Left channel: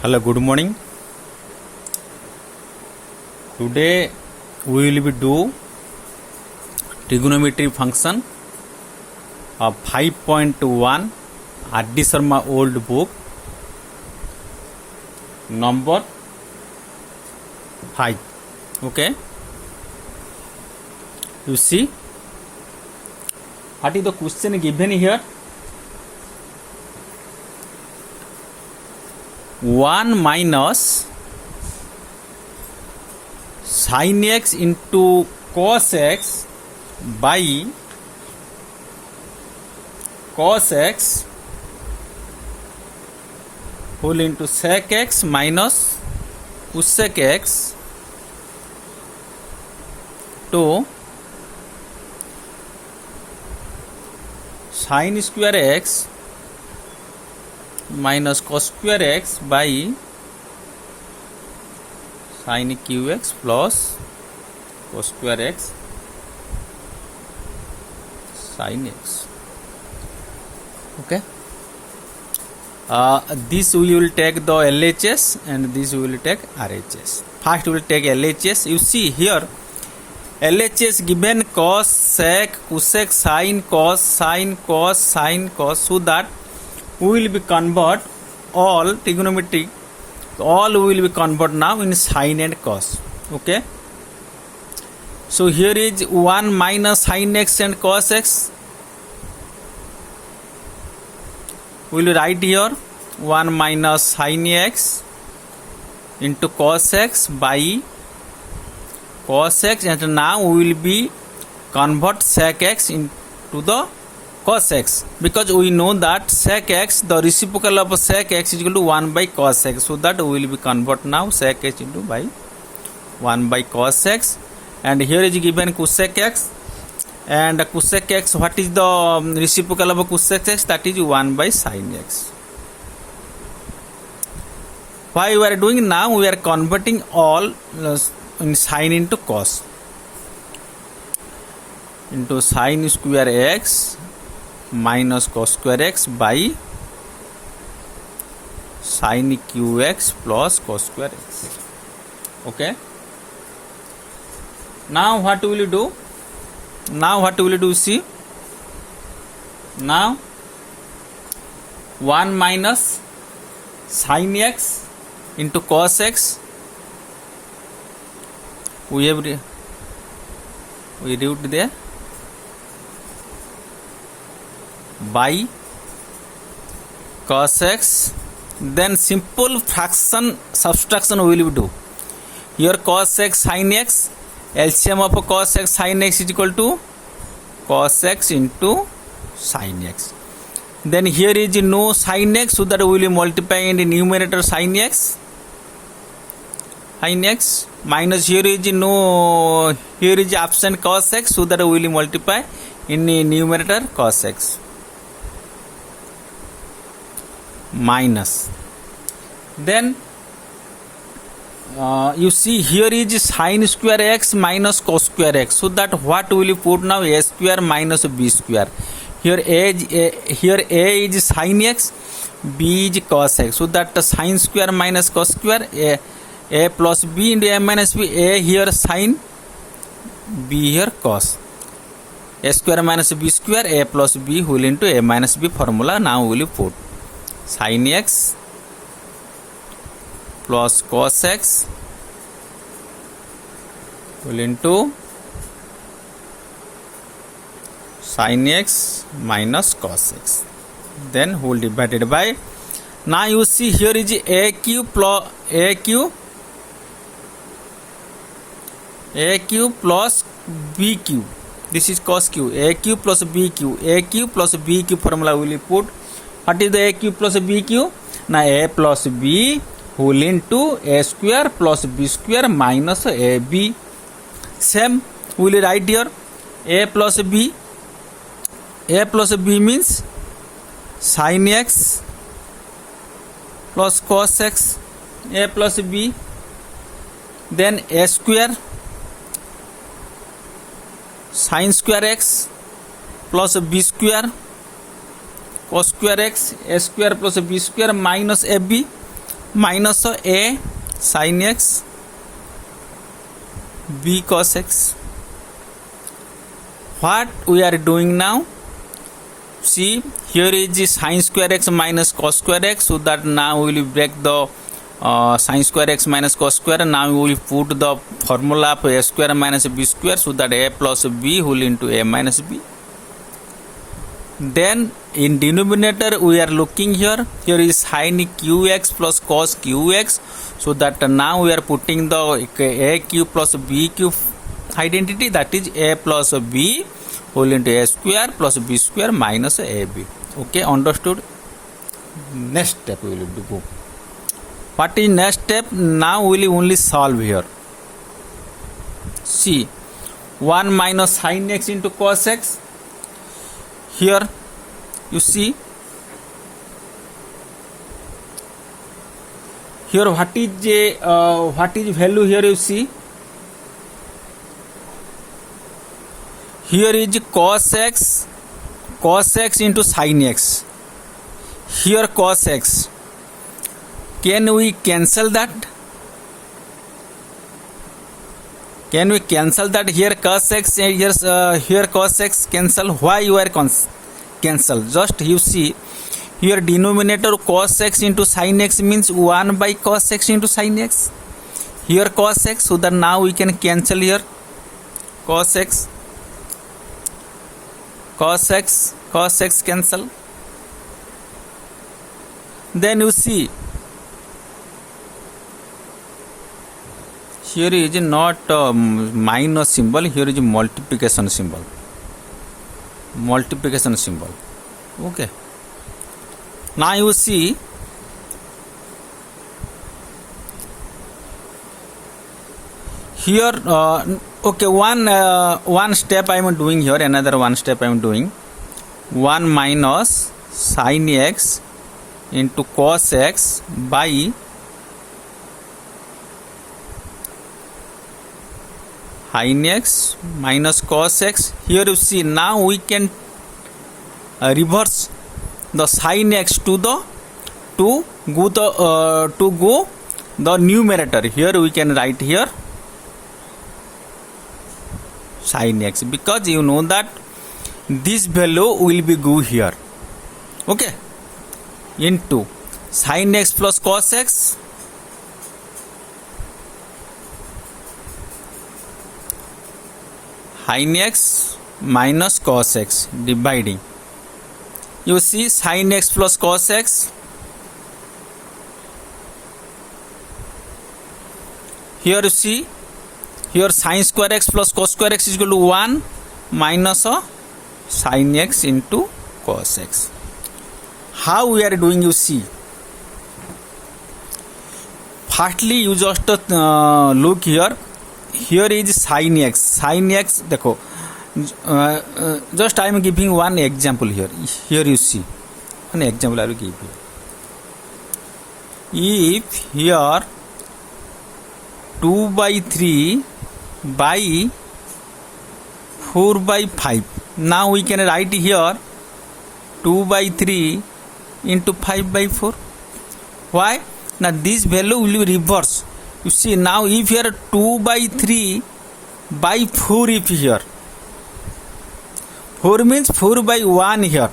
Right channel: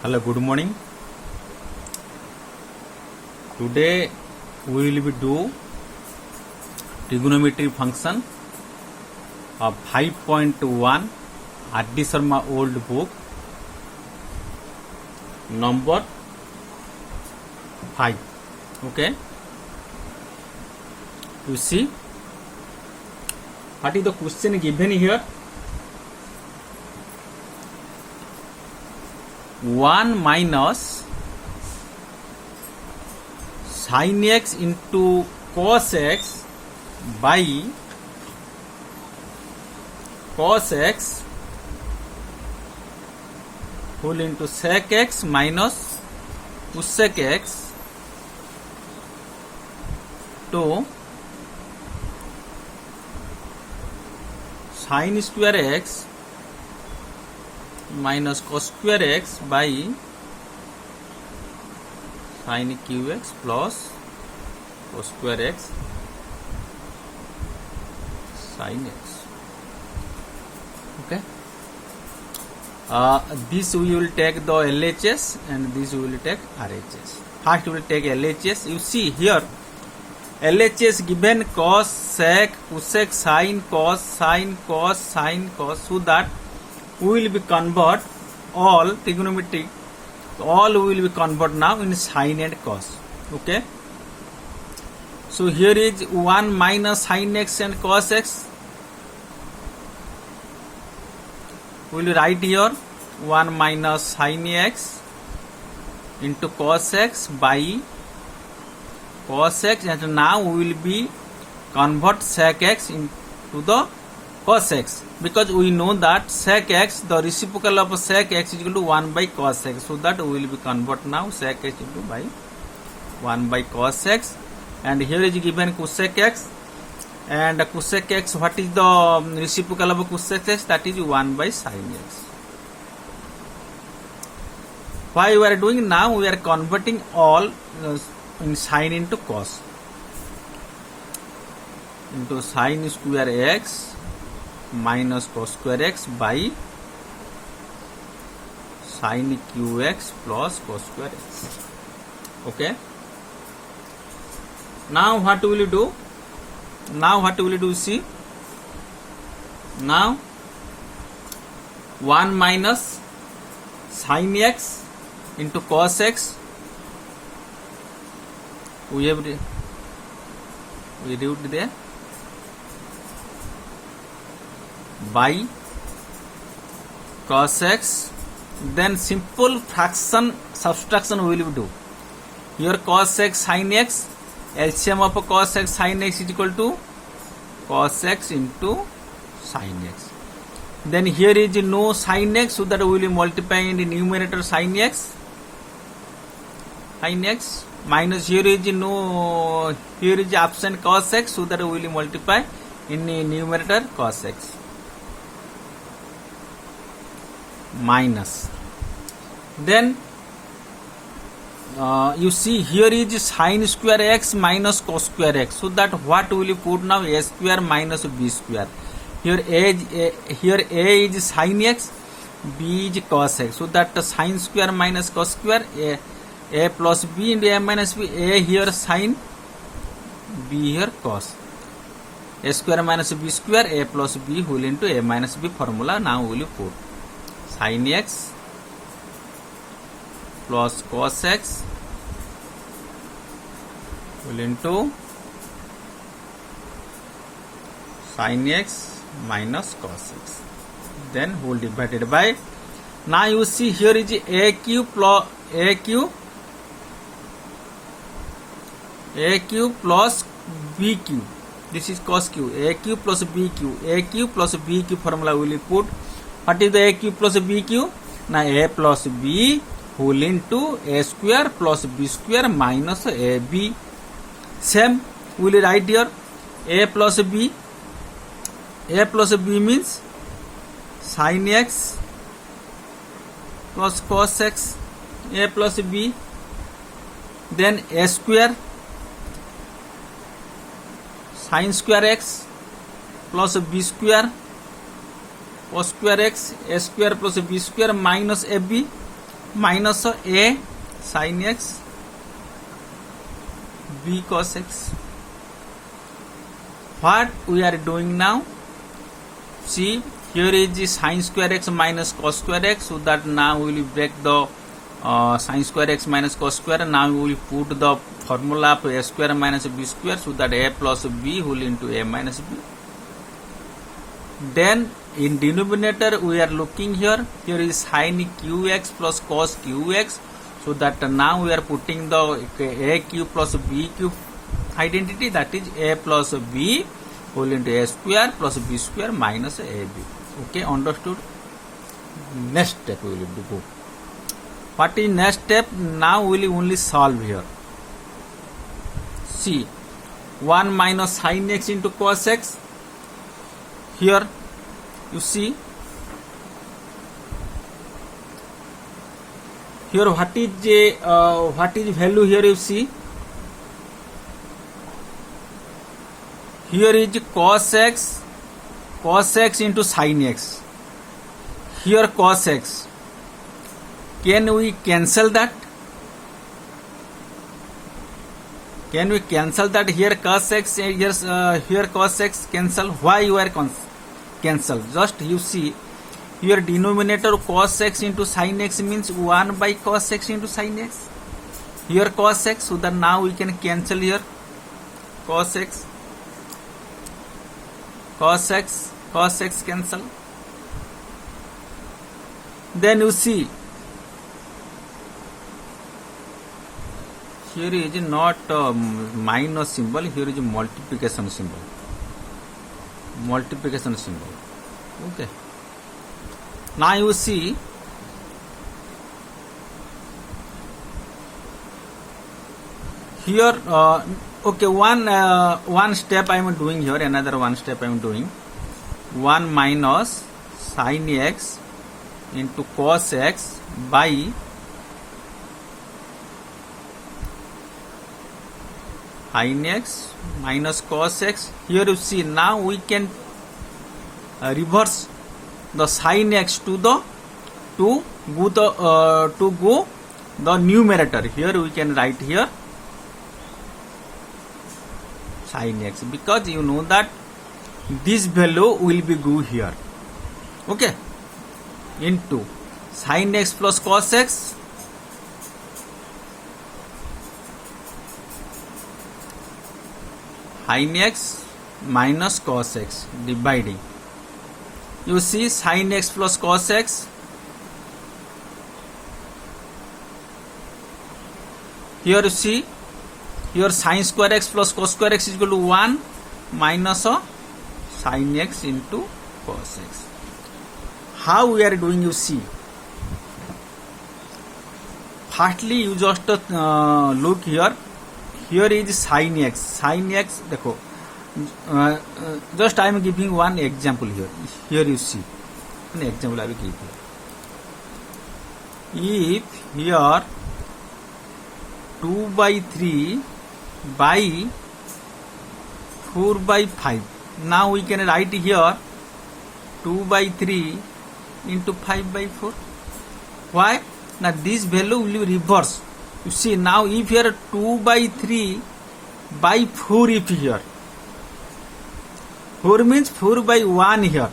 Hello, good morning. Today we will be do trigonometry function of 5.1 R.D. Sharma old book number 5. Okay. You see what is the question given here? 1 minus sin x into cos x by cos x whole into sec x minus cosec x to sin square x minus cos square x by sin qx plus cos square x sin x. Okay. This we will take the LHS and this we will take RHS. First we will take LHS. You see here LHS given cos, sec, cosec, sin, cos, sin, cos, so that we will be convert all trigonometric, all we will be convert now in sin and cos. Okay. So here is 1 minus sin x and cos x. We will write here 1 minus sin x into cos x by cos x, and now we will be convert sec x into the cos x, because we know that sec x, the reciprocal of sec x is equal to 1 by cos x, so that we will be convert now sec x into by 1 by cos x, and here is given cosec x, and cosec x, what is the reciprocal of cosec x? That is 1 by sin x. Why we are doing now? We are converting all in sin into cos, into sin square x minus cos square x by sin qx plus cos square x. Okay. Now what will you do? Now what will you do? See. Now 1 minus sin x into cos x. We wrote there by cos x, then simple fraction subtraction we will do. Here cos x sin x, LCM of cos x sin x is equal to cos x into sin x. Then here is no sin x, so that we will multiply in the numerator sin x, minus here is no, here is absent cos x, so that we will multiply in the numerator cos x, minus. Then you see here is sin square x minus cos square x, so that what will you put now? A square minus b square. Here a is sin x, b is cos x, so that the sin square minus cos square, a plus b into a minus b, a here sin, b here cos, a square minus b square, a plus b whole into a minus b formula. Now we will put sin x plus cos x whole into sin x minus cos x, then whole divided by. Now you see here is aq plus aq plus bq. This is cos q. aq plus bq. aq plus bq formula will you put. What is the aq plus bq? Now a plus b whole into a square plus b square minus ab. Same we will write here a plus b. A plus b means sin x plus cos x, a plus b, then a square sin square x plus b square cos square x a square plus b square minus ab. minus a sin x b cos x. What we are doing now? See, here is the sin square x minus cos square x, so that now we will break the sin square x minus cos square. Now we will put the formula of a square minus b square, so that a plus b whole into a minus b. Then in denominator we are looking here. Here is sin qx plus cos qx, so that now we are putting the a cube plus b cube identity, that is a plus b whole into a square plus b square minus ab. Okay, understood? Next step we will do. What is next step? Now we will only solve here. See, 1 minus sin x into cos x. Here you see, here what is value here? You see, here is cos x into sin x. Here cos x. Can we cancel that? Can we cancel that? Here cos x, here cos x cancel. Why you are cancel? Just you see, here denominator cos x into sin x means 1 by cos x into sin x. Here cos x, so that now we can cancel here cos x cancel. Then you see, here is not minus symbol, here is multiplication symbol. Okay, now you see, here okay, one step I am doing here, another one step I am doing. 1 minus sin x into cos x by sin x minus cos x. Here you see, now we can reverse the sin x to go the numerator. Here we can write here sin x, because you know that this value will be go here. Okay, into sin x plus cos x sin x minus cos x dividing. You see, sin x plus cos x. Here you see, here sin square x plus cos square x is equal to 1 minus sin x into cos x. How we are doing? You see, firstly you just look here. Here is sin x. देखो, just I am giving one example here. Here you see, one example I will give you. If here 2 by 3 by 4 by 5. Now we can write here 2 by 3 into 5 by 4. Why? Now this value will reverse. You see, now if here 2 by 3 by 4, if here 4 means 4 by 1 here.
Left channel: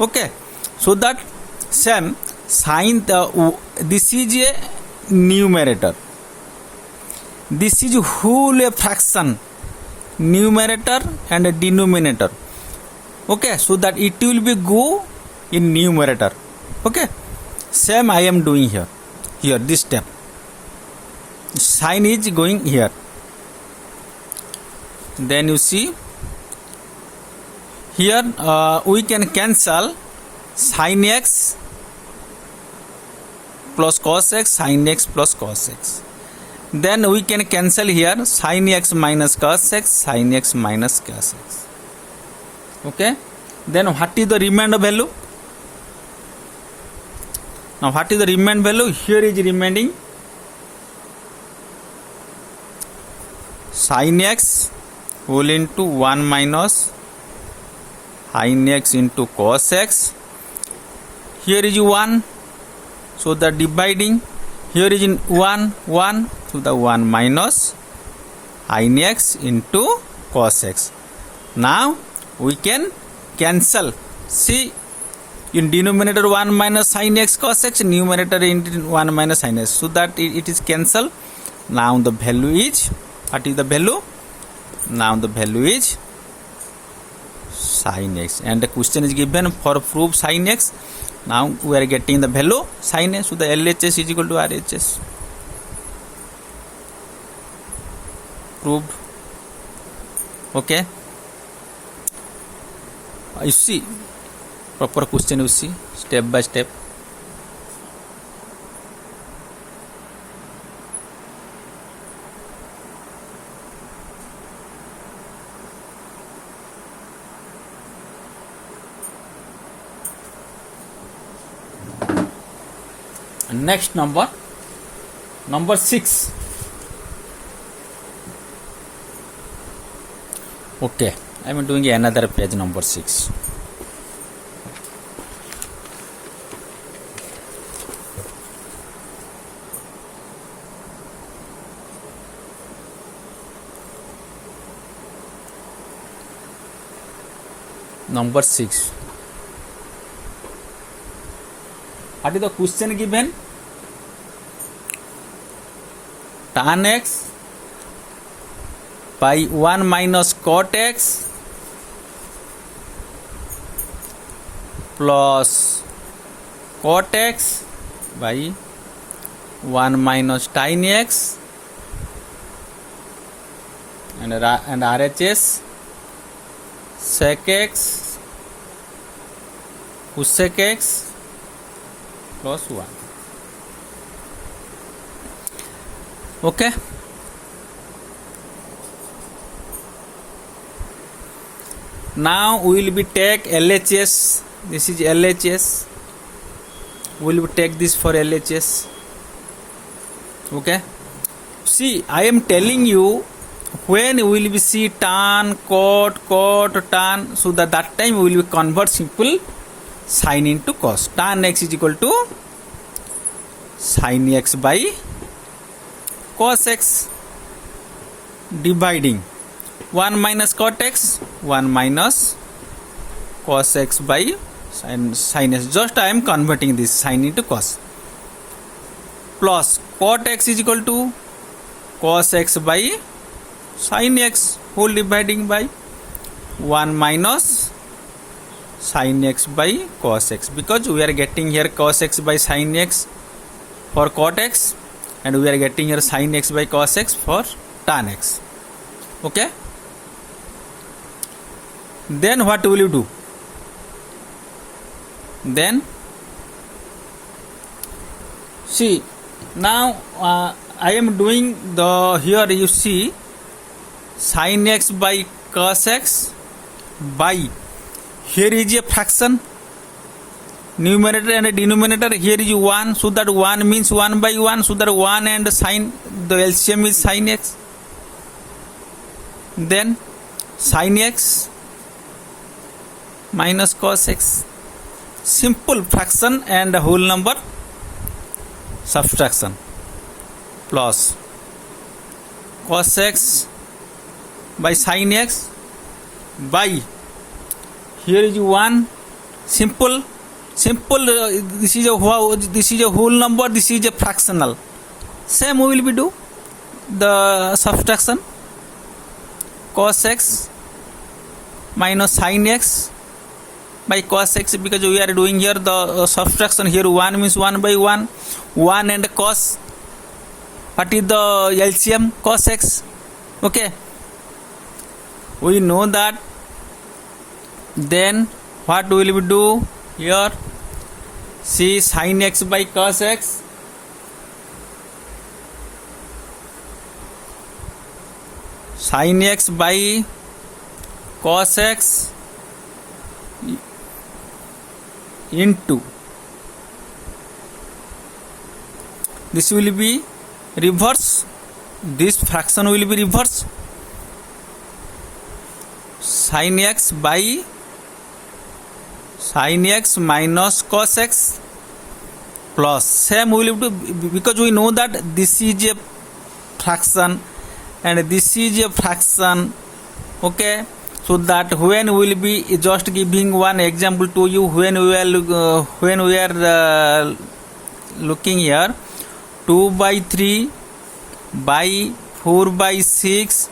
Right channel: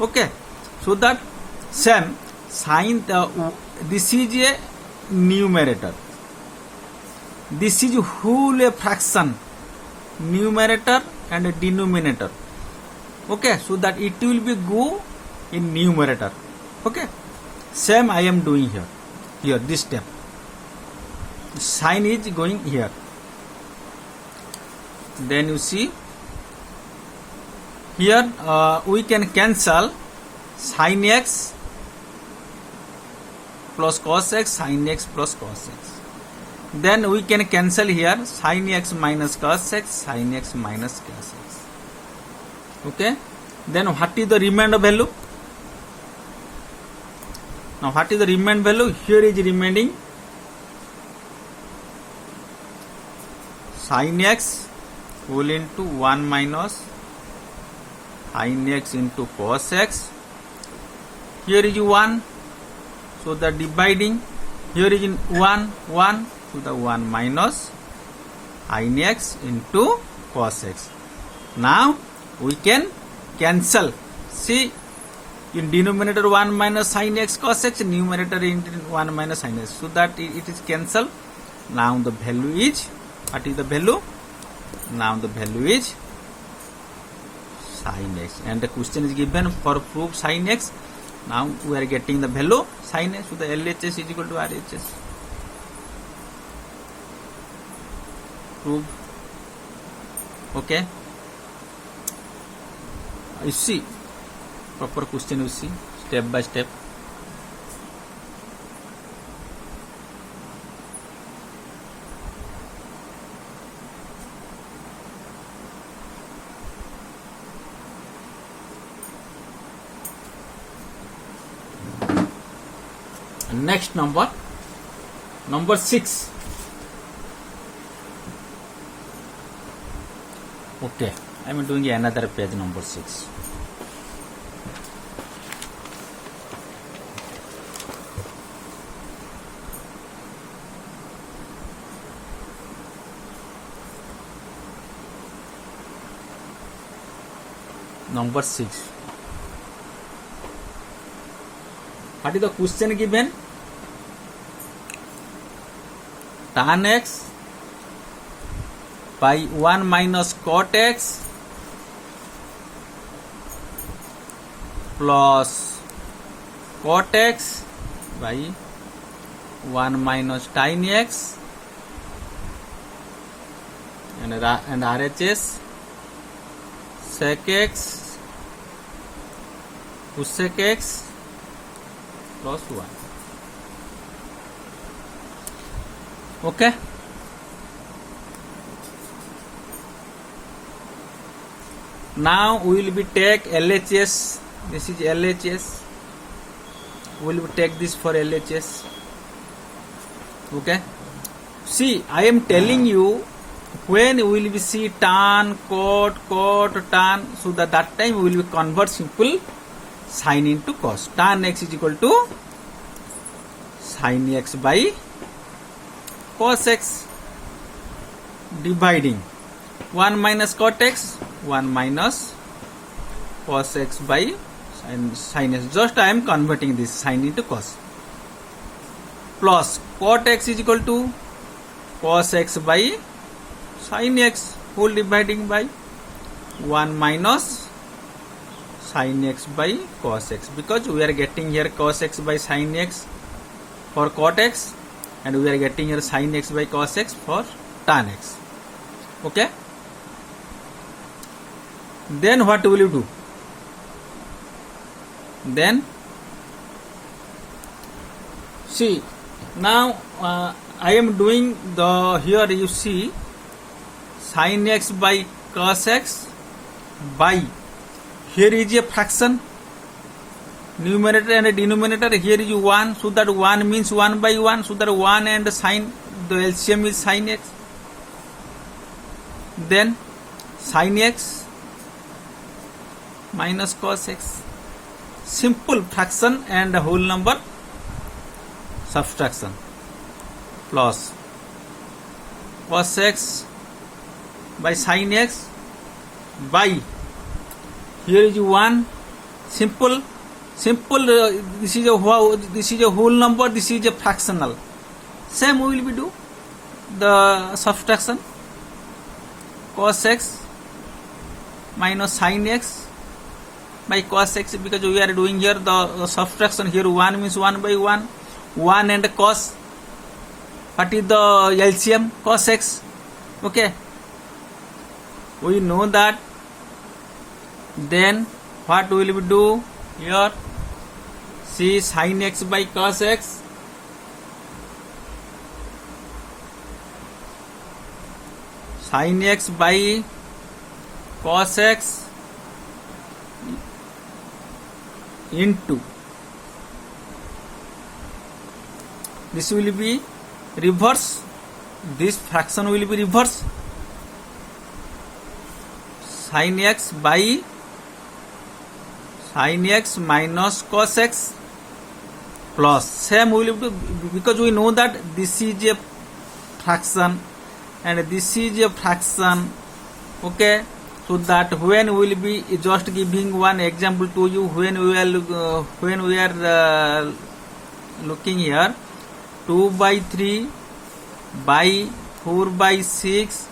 Okay, so that same sin, this is a numerator, this is whole a fraction, numerator and a denominator. Okay, so that it will be go in numerator. Okay, same I am doing here. Here this step, sin is going here. Then you see, here we can cancel sin x plus cos x, sin x plus cos x. Then we can cancel here sin x minus cos x, sin x minus cos x. Okay, then what is the remainder value? Now what is the remaining value? Here is remaining sin x whole into 1 minus sin x into cos x. Here is 1, So the dividing here is in 1 1, so the 1 minus sin x into cos x. Now we can cancel. See, in denominator 1 minus sin x cos x, numerator in 1 minus sin x, so that it is cancelled. Now the value is, what is the value? Now the value is sin x, and the question is given for proof sin x. Now we are getting the value sin x, so the LHS is equal to RHS. Proved. Okay, you see proper question, you see step by step. Next number 6. Okay, I am doing another page, number 6. Number 6. What is the question given? Tan x by 1 minus cot x plus cot x by 1 minus sin x and RHS sec x cosec x plus 1. Okay, now we will be take LHS. This is LHS. We will take this for LHS. Okay, see, I am telling you, when we will be see tan, cot, tan, so that time we will be convert simple sin into cos. Tan x is equal to sin x by cos x, dividing 1 minus cot x, 1 minus cos x by sin x. Just I am converting this sin into cos, plus cot x is equal to cos x by sin x, whole dividing by 1 minus sin x by cos x, because we are getting here cos x by sin x for cot x, and we are getting here sin x by cos x for tan x. Okay, then what will you do? Then see, now I am doing the, here you see sin x by cos x by, here is a fraction, numerator and denominator, here is 1, so that 1 means 1 by 1, so that 1 and sin, the LCM is sin x, then sin x minus cos x, simple fraction and whole number subtraction, plus cos x by sin x by, here is 1, simple, this is a whole number, this is a fractional. Same we will be do the subtraction, cos x minus sin x by cos x, because we are doing here the subtraction. Here 1 means 1 by 1, 1 and cos, what is the LCM? Cos x. Okay, we know that. Then what will we do here? See, sin x by cos x, sin x by cos x into, this will be reverse, this fraction will be reverse, sin x by sin x minus cos x plus same we will do because we know that this is a fraction and this is a fraction. Okay, so that when we will be just giving one example to you, when we are looking here 2 by 3 by 4 by 6,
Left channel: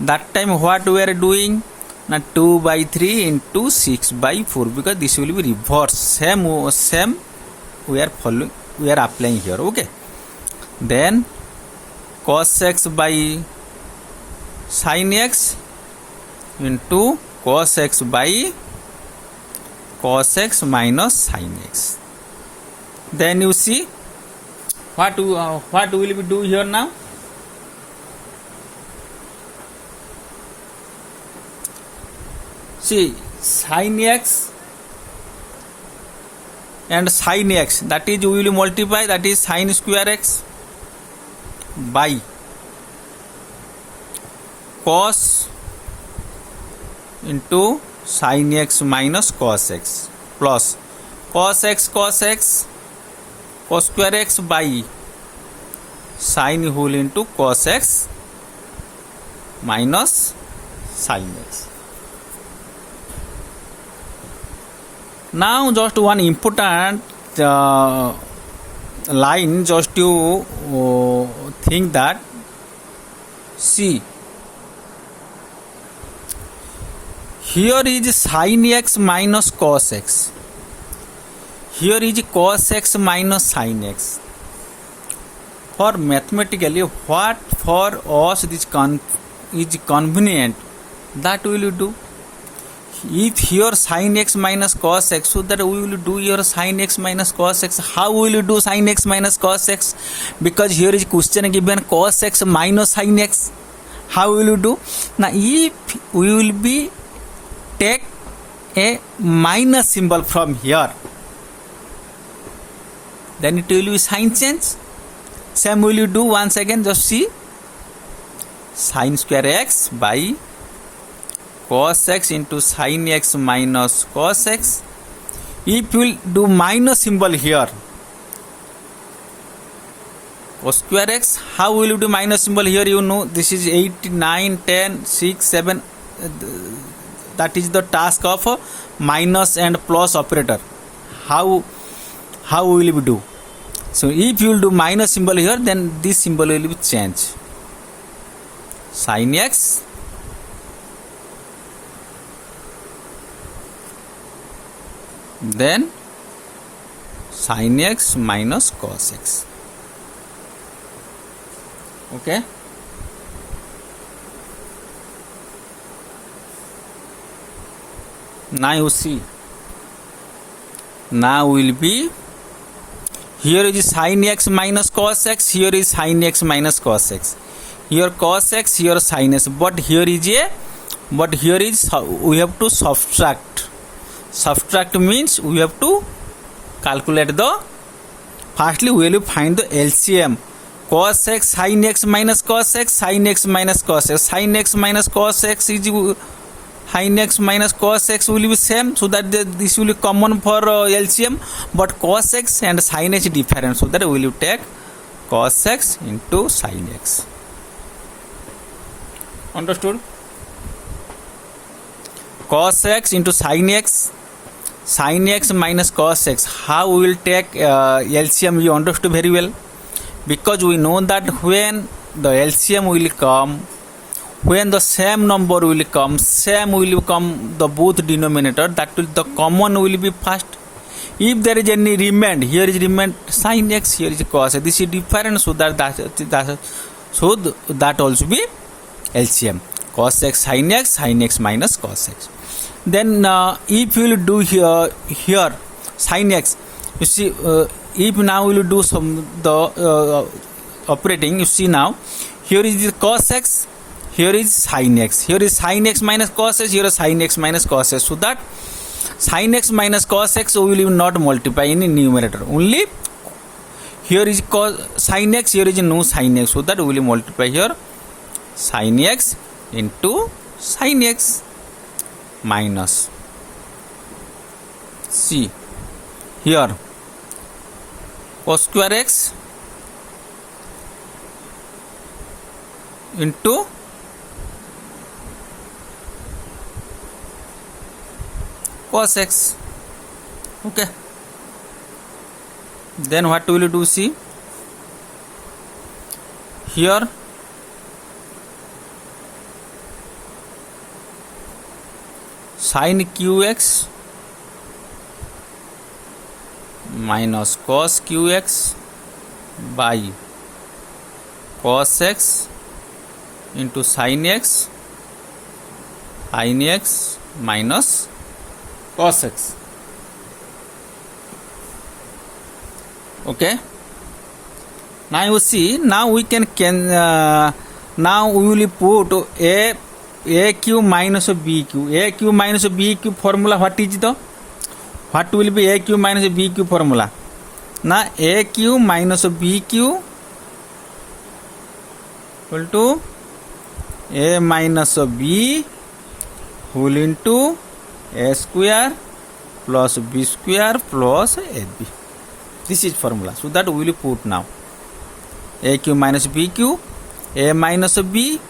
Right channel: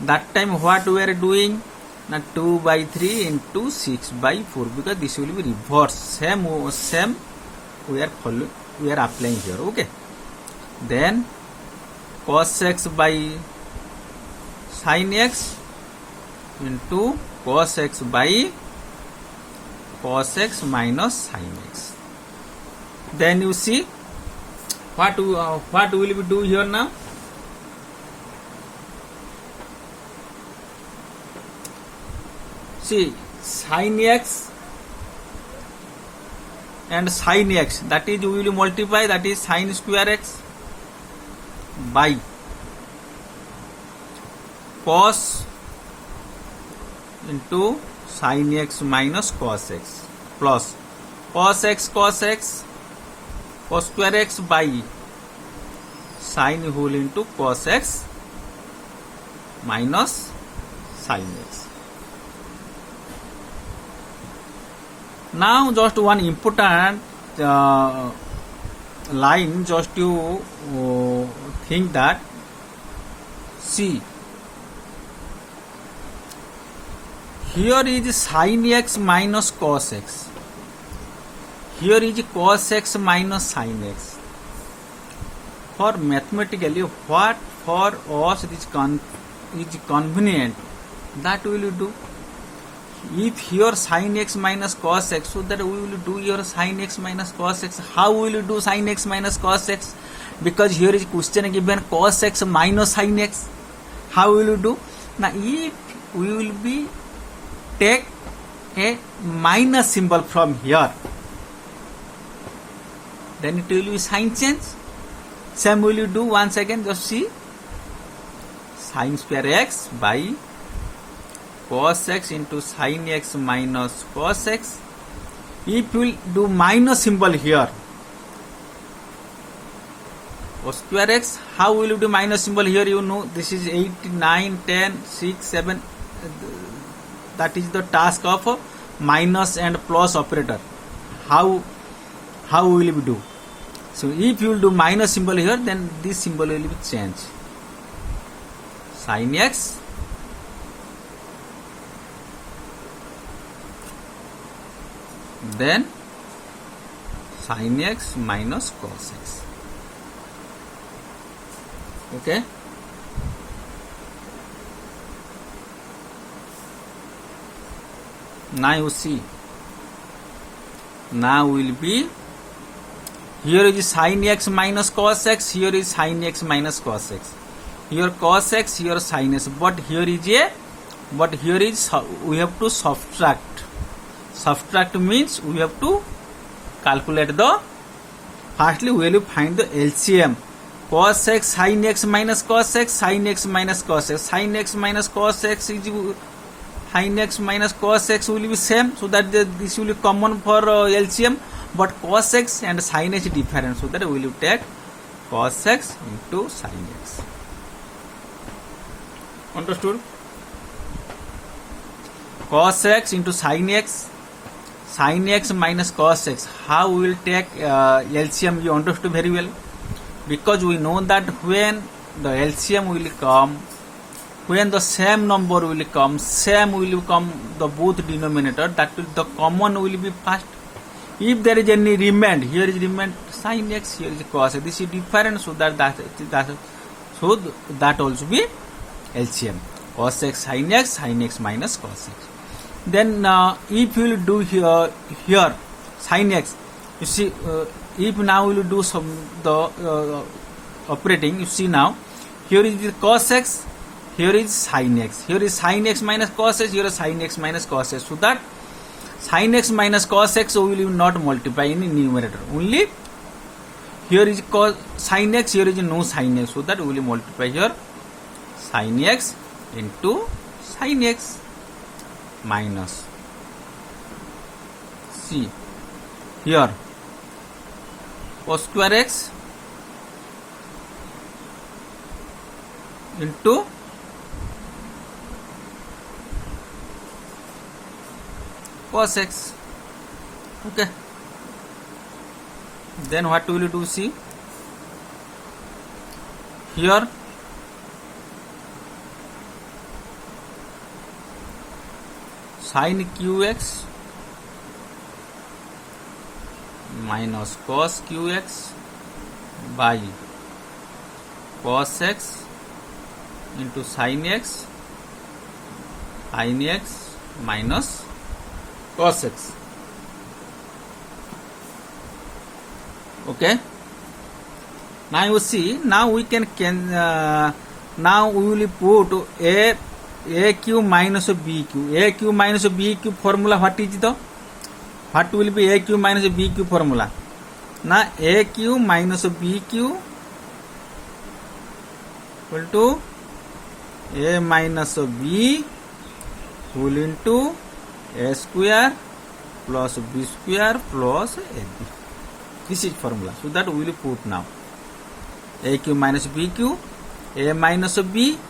that time what we are doing, now 2 by 3 into 6 by 4, because this will be reverse, same we are following, we are applying here. Okay, then cos x by sin x into cos x by cos x minus sin x. Then you see what will we do here now. See, sin x and sin x, that is we will multiply, that is sin square x by cos into sin x minus cos x plus cos x cos square x by sin whole into cos x minus sin x. Now just one important line, just to think that, see, here is sin x minus cos x, here is cos x minus sin x. For mathematically, what for us is convenient, that we will do. If here sin x minus cos x, so that we will do here sin x minus cos x. How will you do sin x minus cos x? Because here is question given cos x minus sin x. How will you do? Now if we will be take a minus symbol from here, then it will be sign change. Same will you do once again, just see, sin square x by cos x into sin x minus cos x. If you will do minus symbol here, cos square x, how will you do minus symbol here? You know, this is 8, 9, 10, 6, 7. That is the task of minus and plus operator. How will we do? So if you will do minus symbol here, then this symbol will be changed. Sin x then sin x minus cos x. Okay, now you see, now will be, here is sin x minus cos x, here is sin x minus cos x, here cos x, here sin x, but here is we have to subtract means we have to calculate the, firstly we will find the LCM. Cos x sin x minus cos x, sin x minus cos x, sin x minus cos x is sin x minus cos x will be same, so that this will be common for LCM, but cos x and sin x different, so that we will take cos x into sin x. Understood? Cos x into sin x minus cos x. How we will take LCM? You understood very well, because we know that when the LCM will come, when the same number will come, the both denominator, that will the common will be first. If there is any remain, here is remain sin x, here is cos x, this is different, so that also be LCM. Cos x sin x minus cos x. Then if you will do here sin x, you see, if now we will do the operating, you see, now here is the cos x, here is sin x, here is sin x minus cos x, here is sin x minus cos x, so that sin x minus cos x we will not multiply in numerator, only here is sin x, here is no sin x, so that we will multiply here sin x into sin x minus, see, here cos square x into cos x. Okay, then what will you do? See here, sin qx minus cos qx by cos x into sin x minus cos x. Okay, now you see, now we can now we will put aq minus bq. aq minus bq formula, what is the, what will be aq minus bq formula? Now aq minus bq equal to a minus b whole into a square plus b square plus ab. This is formula. So that we will put now aq minus bq, a minus b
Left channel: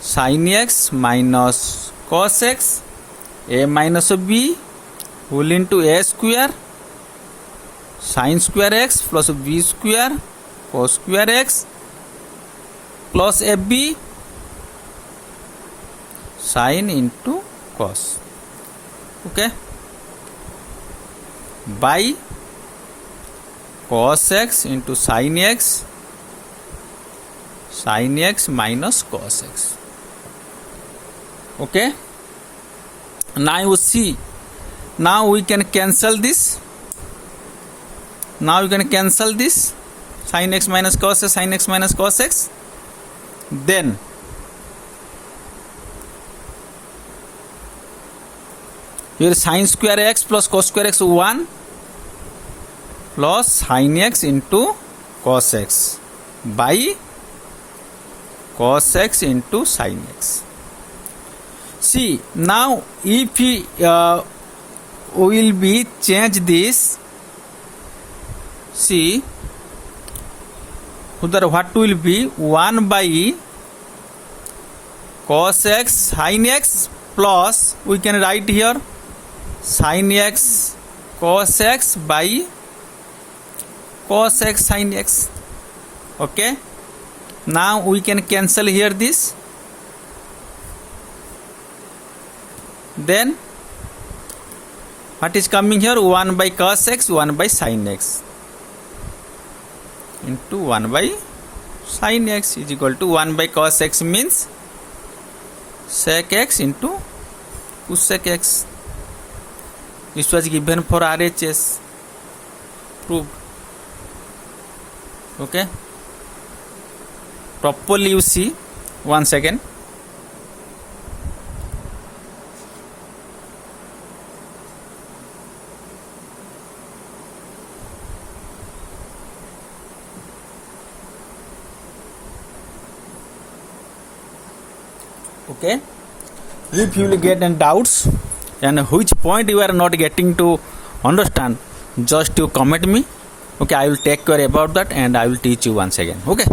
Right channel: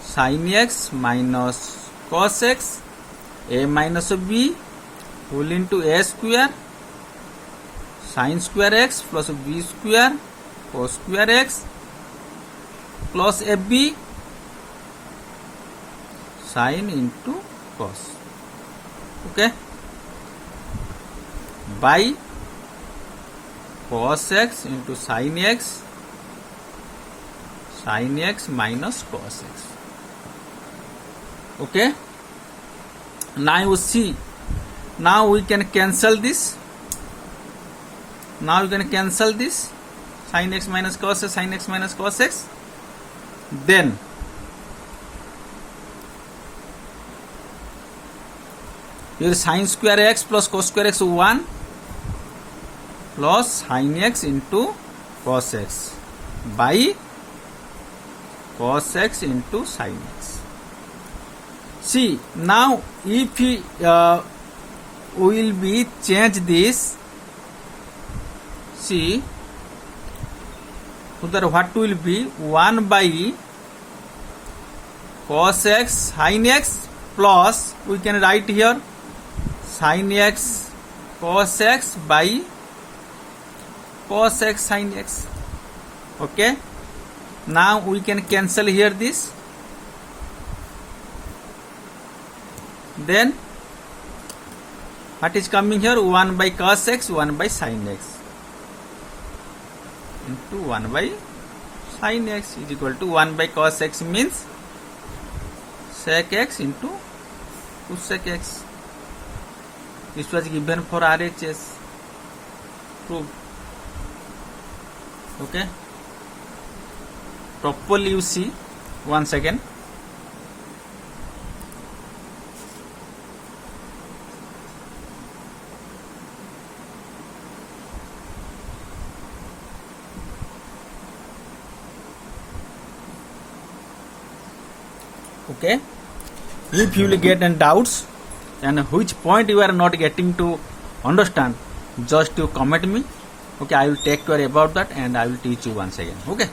sin x minus cos x, a minus b whole into a square sin square x plus b square cos square x plus ab sin into cos. Okay, by cos x into sin x minus cos x. Okay, now you see, now we can cancel this. Now you can cancel this sin x minus cos x, sin x minus cos x. Then here sin square x plus cos square x 1 plus sin x into cos x by cos x into sin x. See, now if we will be change this, see, so what will be 1 by cos x sin x plus, we can write here sin x cos x by cos x sin x. Okay, now we can cancel here this. Then what is coming here? 1 by cos x, 1 by sin x into 1 by sin x is equal to 1 by cos x means sec x into cosec x. This was given for RHS. Prove. Okay, properly you see once again. Okay, if you will get any doubts and which point you are not getting to understand, just you comment me. Okay, I will take care about that and I will teach you once again. Okay.